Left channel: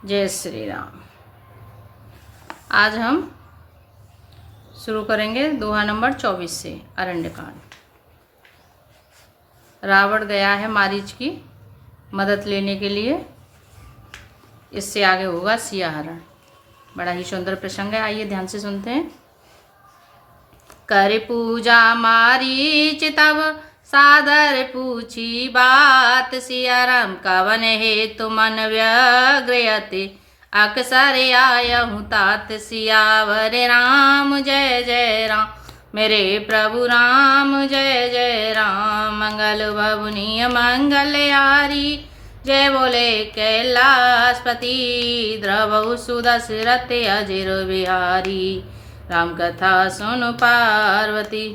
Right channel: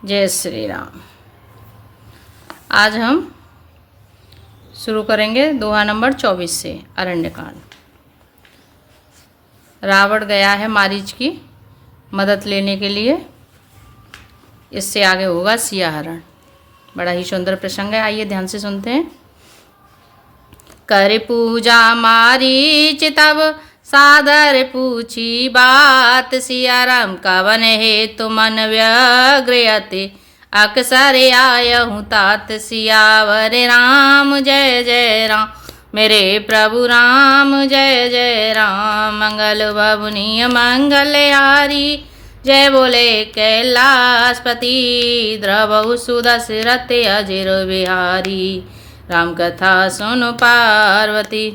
जय श्री राम। आज हम शुरू करेंगे दोहा नंबर 24 से अरण्यकांड। रावण गया है मारीच की मदद लेने के लिए। इससे आगे होगा सियाहरण। बड़ा ही सुंदर प्रसंग है, आइए ध्यान से सुनते हैं। कर पूजा मारीच तब सादर पूछी बात, सिया राम कवन हे तो मन व्यग्रयते, अक्सर आयहूँ तात। सियावर राम जय जय राम, मेरे प्रभु राम जय जय राम। मंगल बबुनी मंगलहारी, जय बोले कैलाशपति, द्रवहु सुदशरथ अजिर बिहारी। राम कथा सुन पार्वती।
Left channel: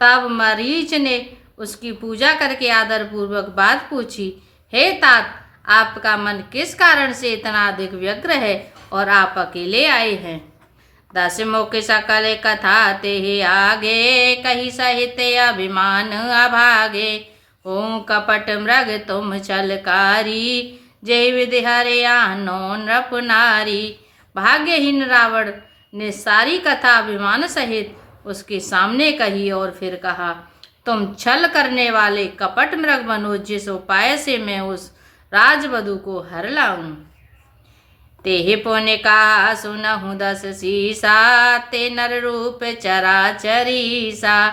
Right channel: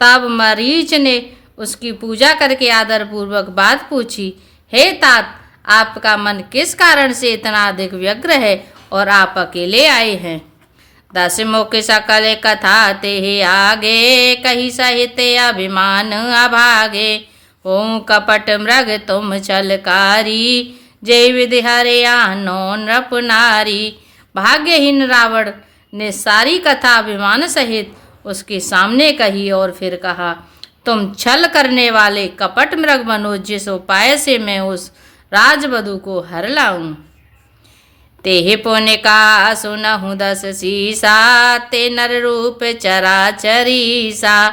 तब मरीच ने उसकी पूजा करके आदर पूर्वक बात पूछी, हे तात, आपका मन किस कारण से इतना अधिक व्यग्र है और आप अकेले आए हैं। 10 मुख सकल कथा ते आगे, कही सहित अभिमान अभागे। ओं कपट मृग तुम छलकारी, जय विधि हरे आनो नृप नारी। भाग्यहीन रावण ने सारी कथा अभिमान सहित उसके सामने कही और फिर कहा, तुम छल करने वाले कपट मृग बनो, जिस उपाय से मैं उस राजवधू को हर लाऊं। तेहि पुण्य का सुनहु 10 सीसा, ते नर रूप चराचरीसा।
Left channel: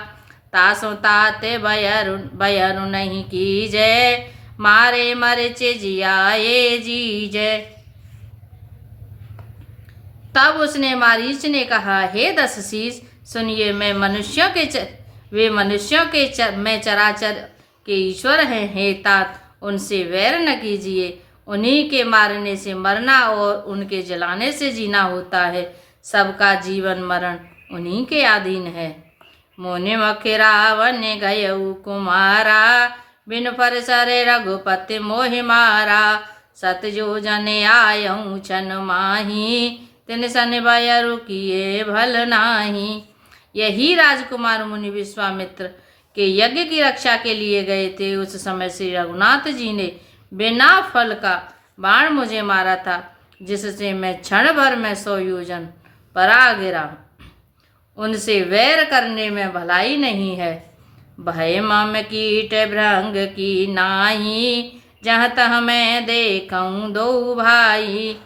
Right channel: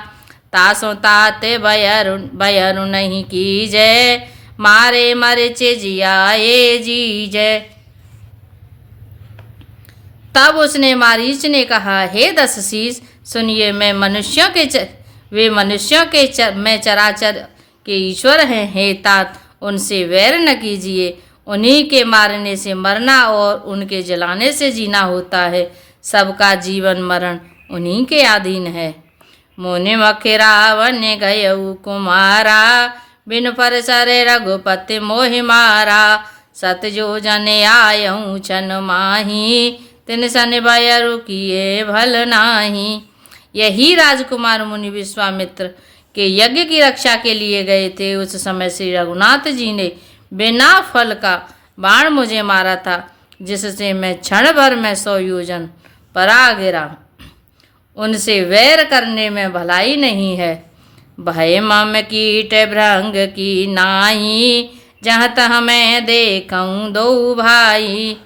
तासो तात बयरु नहीं कीजै, मारे मरचे जियाए जीजै। तब उसने मारीच ने कहा, हे 10 शीश, सुनिए, मैं मनुष्यों के मैं चराचर के ईश्वर हैं। हे तात, उनसे वैर न कीजिए। उन्हीं के मारने से मरना और उनके जलाने से जीना होता है। सबका जीवन मरण उन्हीं के अधीन है। मुनि मखे रावण गयऊ कुमारा, बिन परसरे रघुपति मोहि मारा। सत जो जन आयऊ छन माही, तिन सन बयरु किए भल नाही। यही राजकुमार मुनि विश्वामित्र के यज्ञ की रक्षा के लिए गए थे। उस समय श्री रघुनाथ जी ने बिना फल का बाण मुझे मारा था, जिससे मैं क्षण भर में 100 योजन परा गिरा। उनसे वैर करने में भलाई नहीं है। भय मम कीट भृंग की नाही, जहाँ तह मैं देखूं 2 भाई।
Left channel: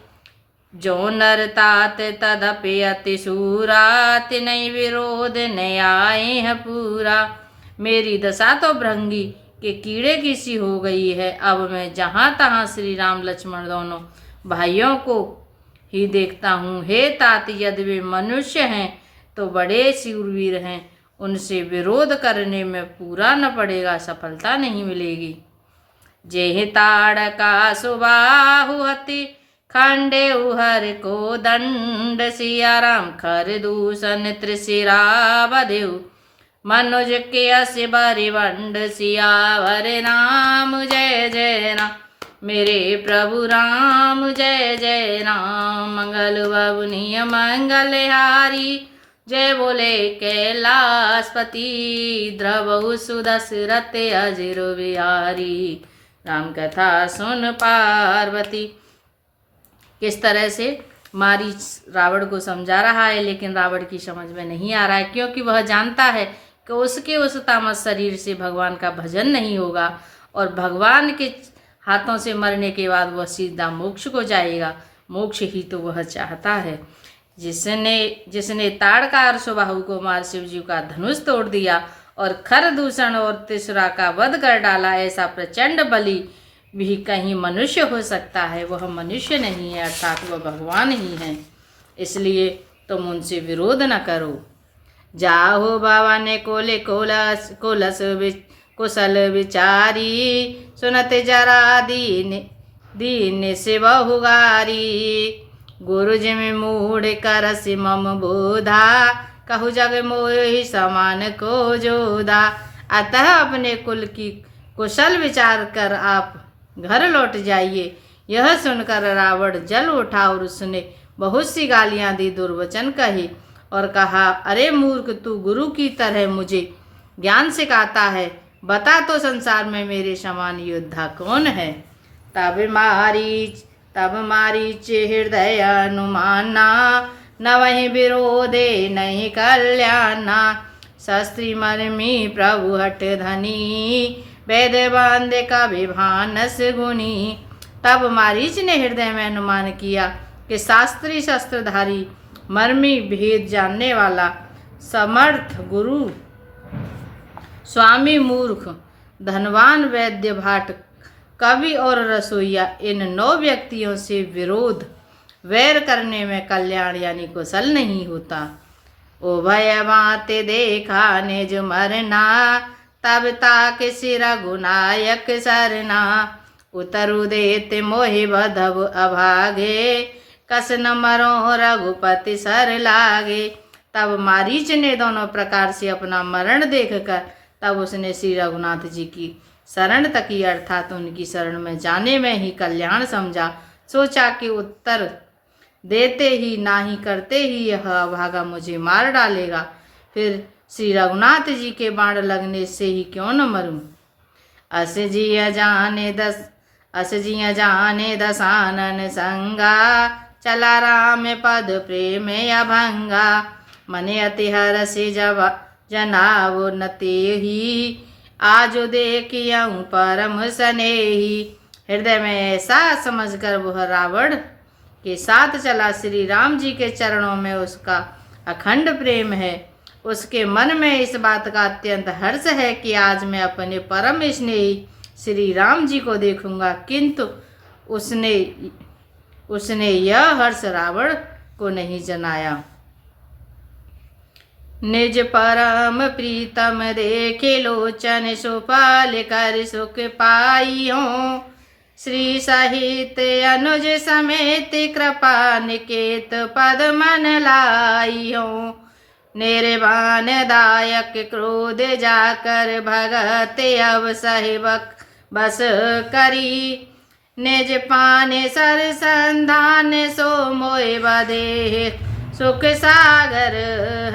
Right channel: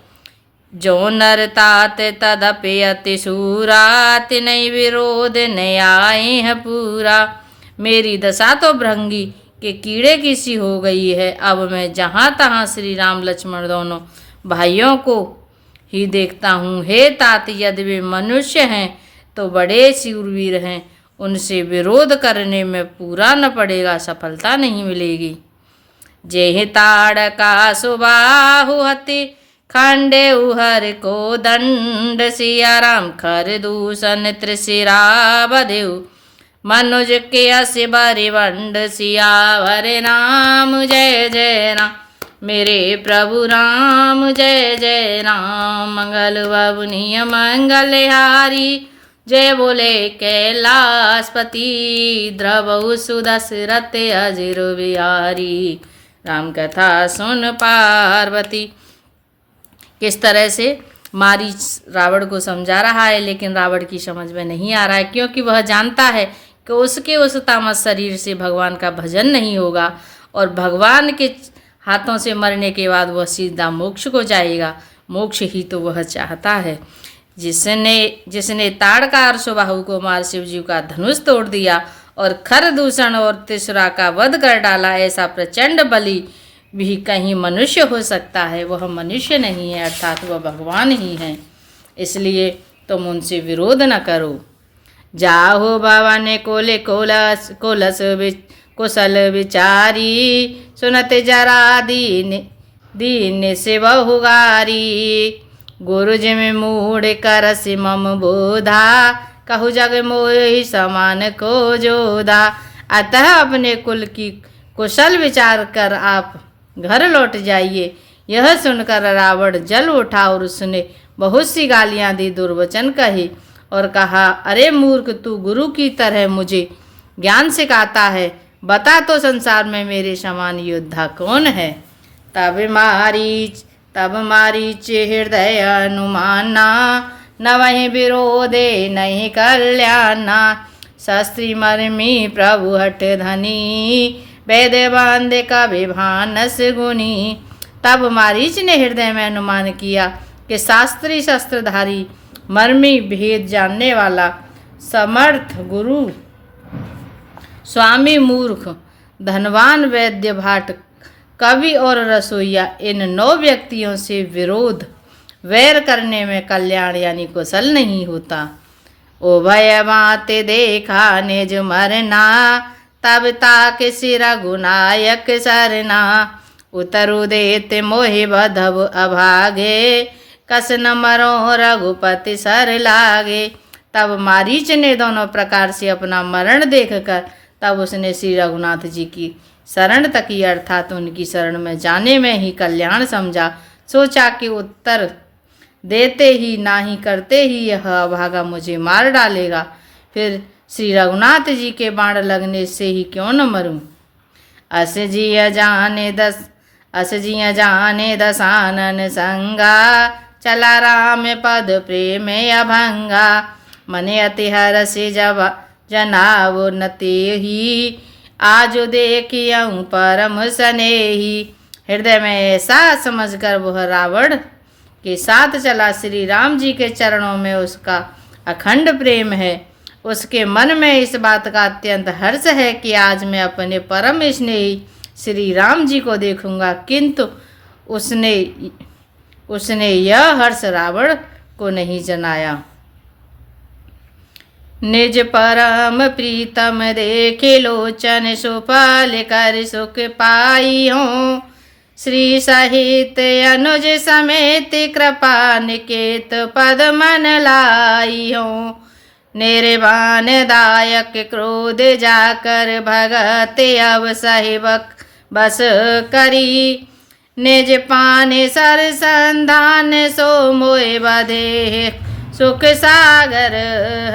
जो नर तात तदपि अति सूरा, तिनहि विरोध न आए है पूरा। मेरी दशा तो भृंगी के कीड़े की सी हो गई है। अब मैं जहाँ तहाँ श्री राम लक्ष्मण दोनों भाइयों को ही देखता हूँ। हे तात, यदि वे मनुष्य हैं तो बड़े शूरवीर हैं। उनसे विरोध करने में पूरा न पड़ेगा, सफलता नहीं मिलेगी। जेहि ताड़का सुबाहु हति, खंडे उहर को दंड। सिया राम खर दूषण त्रिशिरा बधेउ, मनुज के अस बरिवंड। सियावर राम जय जय राम, मेरे प्रभु राम जय जय राम। मंगल बबुनी मंगलहारी, जय बोले कैलाशपति, द्रवहु सुदशरथ अजिर बिहारी। राम कथा सुन पार्वती। किस तरह से मारीच रावण को समझा रहा है, लेकिन रावण की समझ में नहीं आ रहा है, क्योंकि वह जानता है कि उसके उस तामस शरीर से भगवान का भजन नहीं होगा और भगवान के हाथों से मरने के बाद वह सीधा मोक्ष को जाएगा। मोक्ष ही तो वह चाहता है। जिसने ताड़कार सुबाहु को मार शिवजी का धनुष तोड़ दिया और खर दूषण और त्रिशुरा का वध कर डाला, ऐसा प्रचंड बलि भी कहीं मनुष्य हो सकता है। वह मनुष्य नहीं है, अर्थात वह भगवान ही है। इसलिए तुम उनसे विरोध न करो। जाहो भवन कोले कोलस कुशल विचारी, सुनत जरा दीन से बहुगारी। गुरु जिम मूढ़ करस मम बोधा, कहु जग मोहि समान को जोधा। अतः अपने कुल की कुशल विचार कर आप घर लौट जाइए। यह सुनकर रावण जल उठा और उसने बहुत सी गालियां दी, दुर्वचन कही और कहा, अरे मूर्ख, तू गुरु की तरह मुझे ज्ञान सिखाता है। बता तो संसार में मेरे समान योद्धा कौन है। तब मारीच तब मारीच हृदय अनुमाना, न वही विरोधे नहीं कल्याणा। शास्त्री मर्मी प्रभु हट धनी, वेद बांधे का विभानस गुनी। तब मारीच ने हृदय में अनुमान किया कि शास्त्री शस्त्रधारी मर्मी भेद जानने वाला समर्थ गुरु स्वामी मूर्ख धनवान वैद्य भाट कवि और रसोईया इन 9 व्यक्तियों से विरोध वैर करने में कल्याण यानी कुशल नहीं होता। ओ भय बाते देखा निज मरना, तब ताक सिर गुनायक सरना। उतरु देते मोहि बधव अभागे, कस न मरो रघुपति सर लागे। तब मारीच ने दोनों प्रकार से अपना मरण देखकर तब उसने श्री रघुनाथ जी की शरण तकी, अर्थात उनकी शरण में जाने में ही कल्याण समझा। सोचा कि उत्तर देते ही नाही करते ही यह अभागा मुझे मार डालेगा, फिर श्री रघुनाथ जी के बाण लगने से ही क्यों न मरूं। अस जिय जाने दसानन संगा, चला राम पद प्रेम अभंगा। मने अति हरसि जब जनावो न तेहि, आज देखियऊँ परम स्नेही। हृदय में ऐसा समझकर वह रावण के साथ चला। श्री राम जी के चरणों में उसका अखंड प्रेम है। उसके मन में इस बात का अत्यंत हर्ष है कि आज मैं अपने परम स्नेही श्री राम जी को देखूंगा, किंतु उसने यह हर्ष रावण को नहीं जनाया। निज परम प्रीतम देखे लोचन, सुफल कर सुख पाई हो। श्री सहित अनुज समेत कृपा निकेत पद मन लाई हो। निर्वाण दायक क्रोध जाकर भगत अब सहिबक बस करी। निज पाने सर संधान सो मोए बधे सुख सागर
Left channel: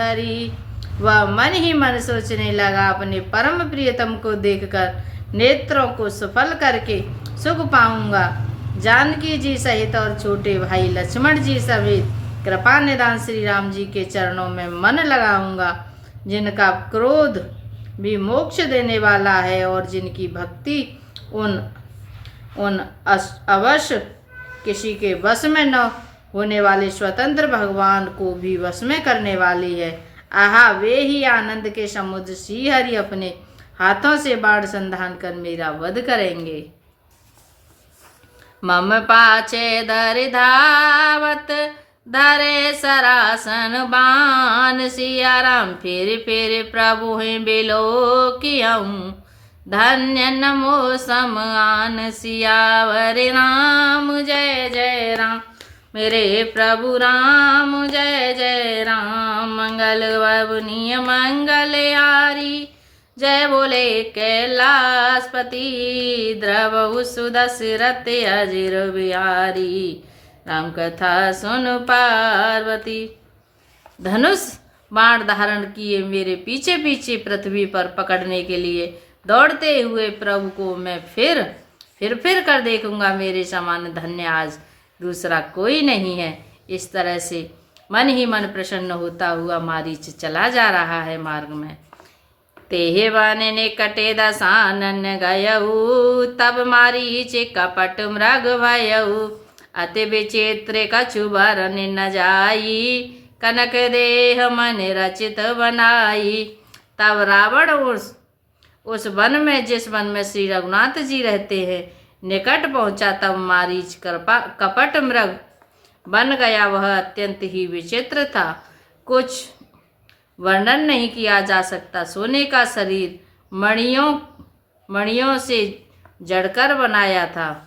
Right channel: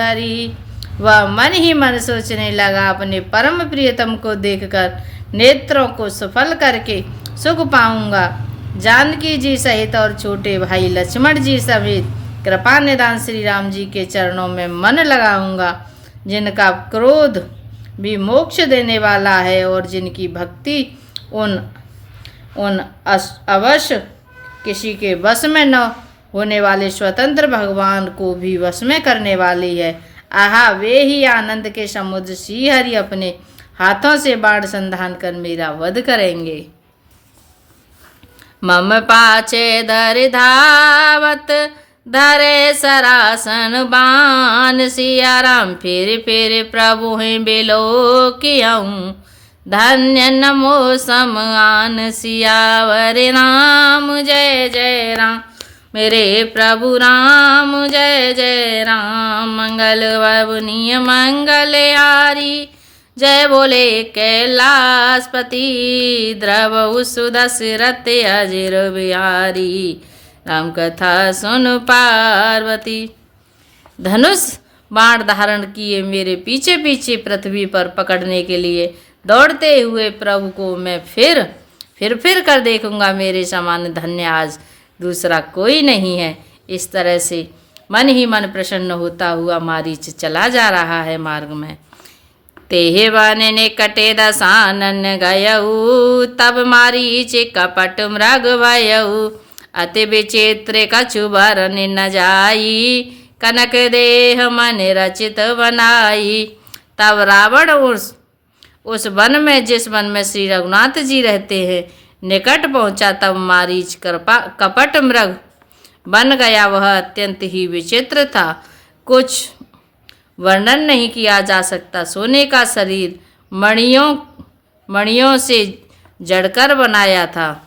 हरि। वह मन ही मन सोचने लगा, अपने परम प्रियतम को देखकर नेत्रों को सफल करके सुख पाऊंगा। जानकी जी सहित और छोटे भाई लक्ष्मण जी समेत कृपा निदान श्री राम जी के चरणों में मन लगाऊंगा, जिनका क्रोध भी मोक्ष देने वाला है और जिनकी भक्ति उन अवश्य किसी के वश में न होने वाले स्वतंत्र भगवान को भी वश में करने वाली है। आहा, वे ही आनंद के समुद्र श्री हरि अपने हाथों से बाढ़ संधान कर मेरा वध करेंगे। मम पाछे धर धावत धरे सरासन बान। सिया राम फिर प्रभु हैं बिलो कियऊँ। धन्य नमो समान सियावर राम जय जय राम। मेरे प्रभु राम जय जय राम। मंगल ववनीय मंगल यारी, जय बोले कैलाशपति। द्रव सुदशरथ अजिर बिहारी, राम कथा सुन पार्वती। धनुष बाण धारण किए मेरे पीछे पीछे पृथ्वी पर पकड़ने के लिए दौड़ते हुए प्रभु को मैं फिर कर देखूंगा। मेरे समान धन्य आज दूसरा कोई नहीं है। इस तरह से मन ही मन प्रसन्न होता हुआ मारीच चला जा रहा है मार्ग में। तेहे वन ने कटे दसानन गयऊ, तब मारीच कपट मृग भयऊ। अति विचित्र कछु बरन न जाई, कनक देह मन रचित बनाई। तब रावण उस वन में, जिस वन में श्री रघुनाथ जी रहते हैं, निकट पहुंचा। तब मारीच कपट मृग बन गया। वह अत्यंत ही विचित्र था, कुछ वर्णन नहीं किया जा सकता। सोने का शरीर मणियों से जड़कर बनाया था।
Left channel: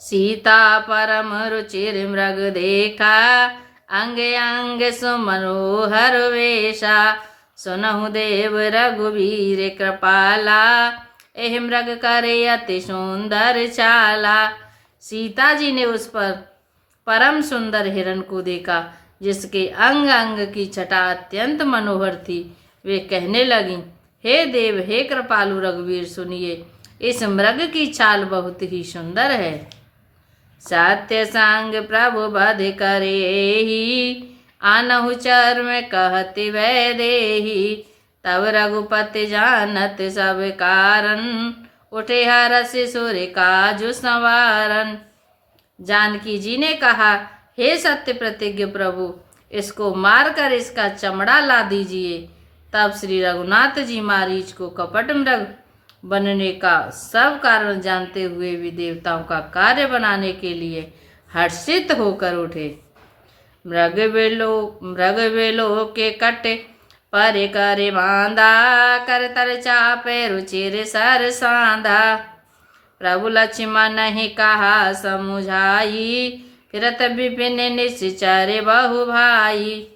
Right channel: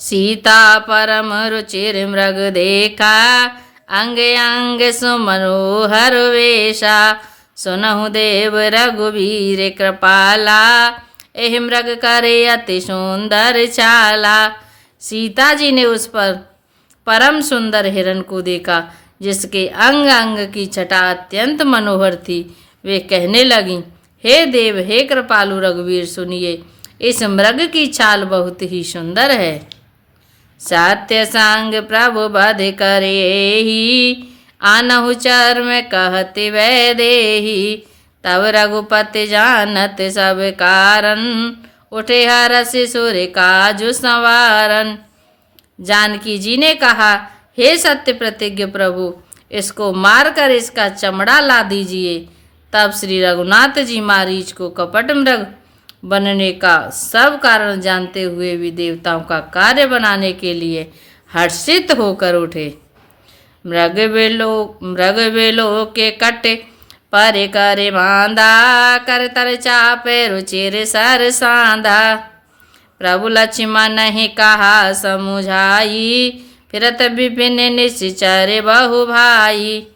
सीता परम रुचिर मृग देखा, अंग अंग सुमनोहर वेशा। सुनहु देव रघुवीर कृपाला, एह मृग करे अति सुंदर चाला। सीता जी ने उस पर परम सुंदर हिरण को देखा, जिसके अंग अंग की छटा अत्यंत मनोहर थी। वे कहने लगी, हे देव, हे कृपालु रघुवीर, सुनिए, इस मृग की चाल बहुत ही सुंदर है। सत्य संग प्रभु बध करे ही, आनहु चर्म कहति वै देही। तब रघुपति जानत सब कारण, उठे हरषि सुर काजु संवारन। जानकी जी ने कहा, हे सत्य प्रतिज्ञ प्रभु, इसको मारकर इसका चमड़ा ला दीजिए। तब श्री रघुनाथ जी मारीच को कपट मृग बनने का सब कारण जानते हुए भी देवताओं का कार्य बनाने के लिए हर्षित होकर उठे। मृग बेलो के कटे पर करे बांधा, कर तर चापे रुचिर सर सांधा। प्रभु लक्ष्मण ही कहा समुझाई, फिरत विपिन निश्चर बहु भाई।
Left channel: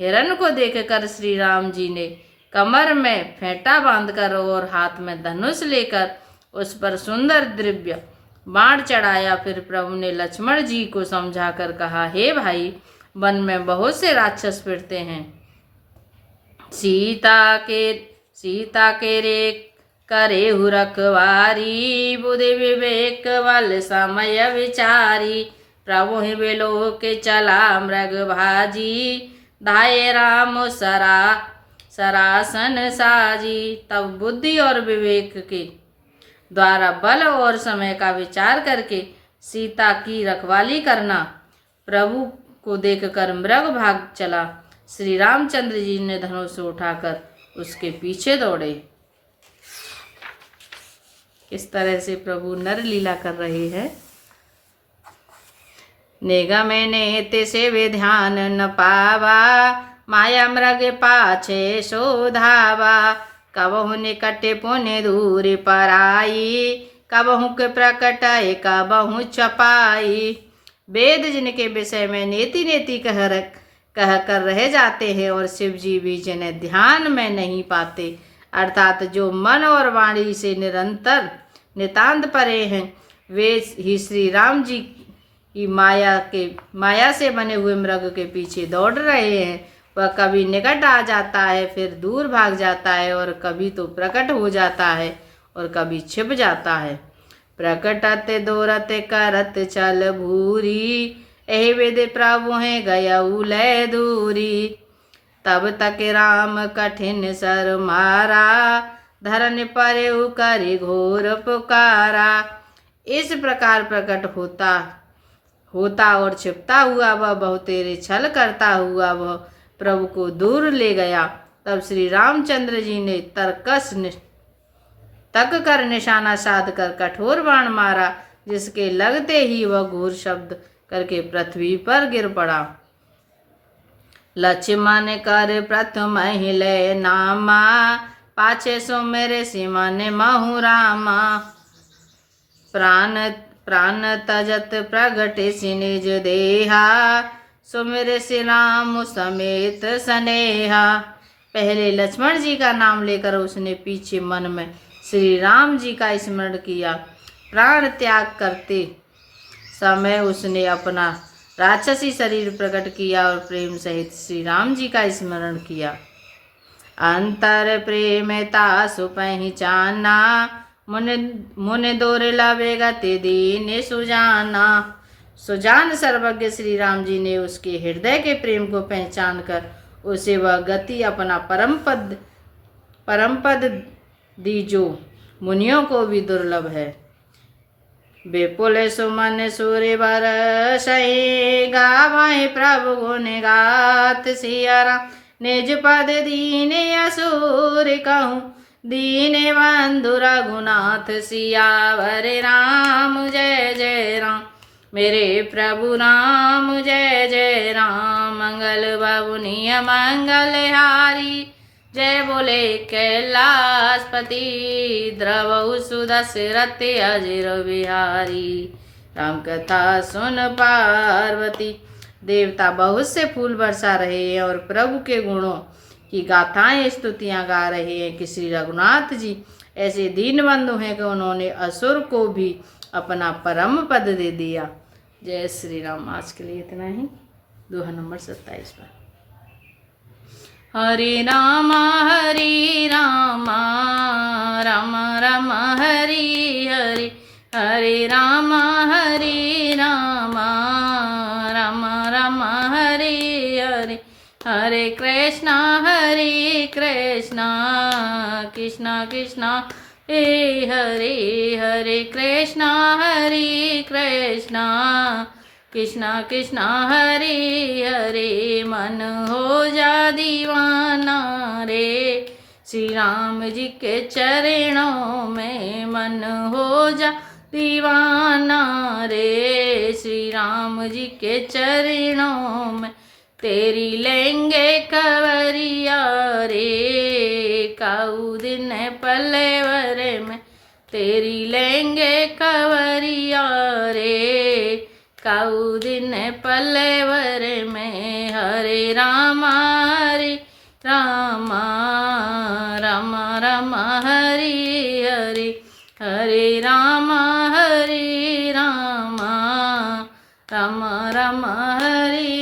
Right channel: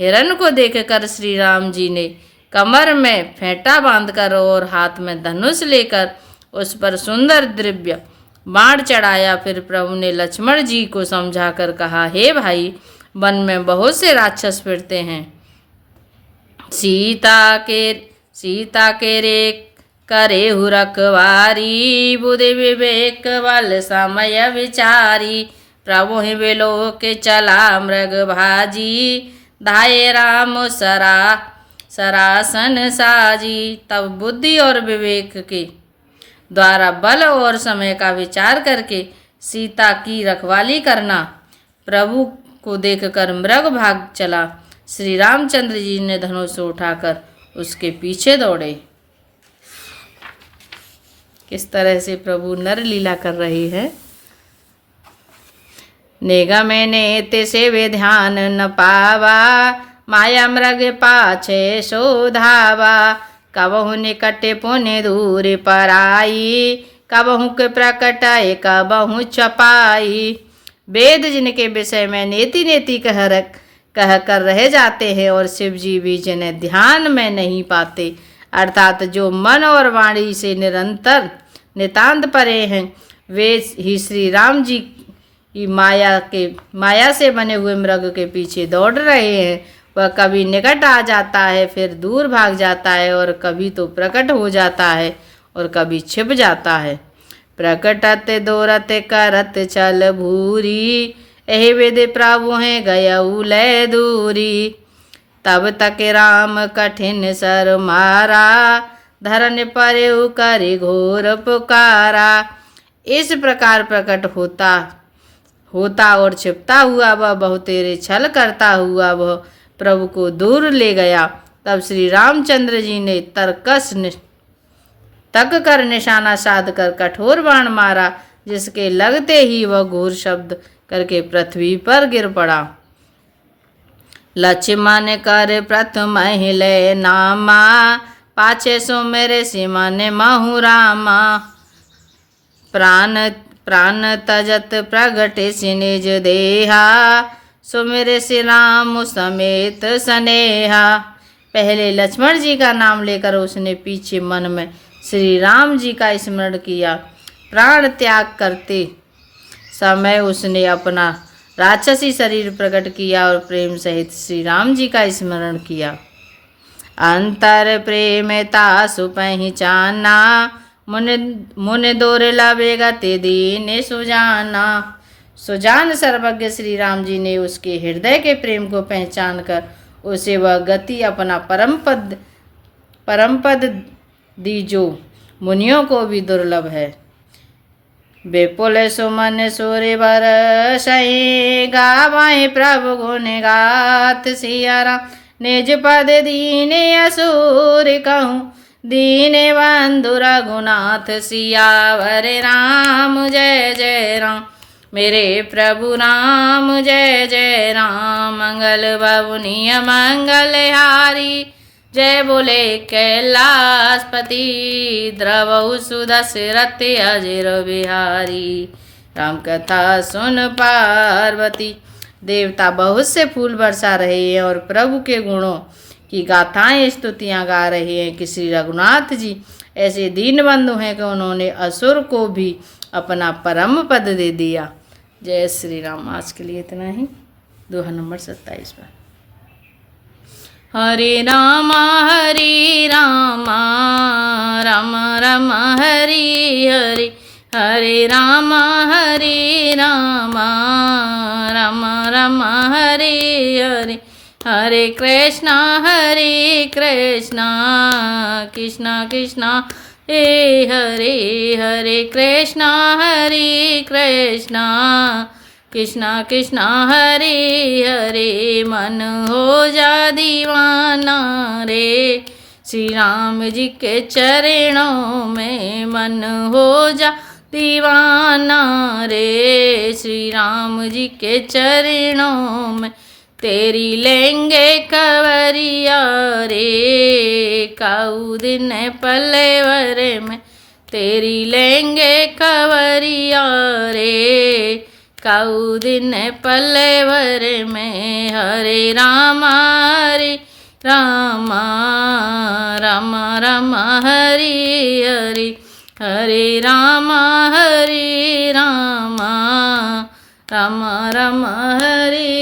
हिरण को देखकर श्री राम जी ने कमर में फेंटा बांधकर और हाथ में धनुष लेकर उस पर सुंदर दिव्य बाण चढ़ाया। फिर प्रभु ने लक्ष्मण जी को समझाकर कहा, हे भाई, वन में बहुत से राक्षस फिरते हैं। सीता के रे करे हु रखवारी, बुद्धि विवेक बल समय विचारी। प्रभु ही बेलो के चला मृग भाजी, धाये राम सरासन साजी। तब बुद्धि और विवेक के द्वारा बल और समय का विचार करके सीता की रखवाली करना। प्रभु को देखकर मृग भाग चला। श्री रामचंद्र जी ने धनुष उठाकर उसके पीछे दौड़े। किस तरह से प्रभु नर लीला कर रही है। नेगा मैंने ते वे ध्यान न पावा, माया मृग पाछे शोधावा। कबहु निकटे पुण्य दूर पराई, कबहु के प्रकटाए कबहु छपाई। वेद जिनके विषय में नेति नेति कह कर रह जाते हैं और शिव जी भी जिन्हें ध्यान में नहीं पाते, अर्थात जो मन और वाणी से निरंतर नितांत परे हैं, वे ही श्री राम जी की माया से बने हुए मृग के पीछे दौड़ रहे हैं। वह कभी निकट आ जाता है, फिर दूर भाग जाता है, और कभी तो प्रकट हो जाता है और कभी छिप जाता है। प्रकटत दोरत करत चल भूरी, एहि विधि प्रभु हैं गयऊ लय दूरी। तब तक राम कठिन सर मारा, धरन परेउ करि घोर पुकारा। इस प्रकार प्रकट होता और छिपता हुआ वह बहुतेरे छल करता हुआ वह प्रभु को दूर ले गया। तब श्री रामचंद्र जी ने तक कर निशाना साध कर कठोर बाण मारा, जिसके लगते ही वह घोर शब्द करके पृथ्वी पर गिर पड़ा। लक्ष्मण कर प्रथम हिले नामा, पाछे सो मेरे सिमन महु रामा। प्राण तजत प्रगटे सि निज देहा, सो मेरे श्री राम समेत स्नेहा। पहले लक्ष्मण जी का नाम लेकर उसने पीछे मन में श्री राम जी का स्मरण किया। प्राण त्याग करते समय उसने अपना राक्षसी शरीर प्रकट किया और प्रेम सहित श्री राम जी का स्मरण किया। अंतर प्रेम तासु पहचाना, मुन दोर लावे गति दीन सुजाना। सुजान सर्वज्ञ श्री राम जी ने उसके हृदय के प्रेम को पहचान कर उसे वह गति अपना परम पद दी, जो मुनियों को भी दुर्लभ है। विपुल सुमन सूर्य बरसहि, गावहि प्रभु गुण गात सिया राम। निज पद दीने असुर कहूँ, दीने बंधु रघुनाथ सियावर राम। जय जय राम मेरे प्रभु राम, जय जय राम। मंगल भवनीय मंगलहारी, जय बोले कैलाशपति। द्रवहु सुदशरथ अजिर बिहारी, राम कथा सुन पार्वती। देवता बहुत से फूल बरसा रहे हैं और प्रभु के गुणों की गाथाएं स्तुतियां गा रहे हैं कि श्री रघुनाथ जी ऐसे दीन बंधु हैं कि उन्होंने असुर को भी अपना परम पद दे दिया। जय श्री राम। आज के लिए इतना ही। दोहा नंबर 27 पर। हरे राम राम राम हरि हरि, हरे राम रामा राम राम हरे हरे हरे कृष्णा कृष्णा कृष्णा हे हरे हरे कृष्णा कृष्णा कृष्णा हरे हरे मन हो जा दीवाना रे श्री राम जी के चरणों में मन हो जा दीवाना रे श्री राम जी के चरणों में तेरी लेंगे कवरिया रे काऊ दिन पल्लेवर में तेरी लेंगे कवरिया रे काऊ दिन पल्लेवर में हरे रामा राम राम हरे हरे हरे राम राम राम हरे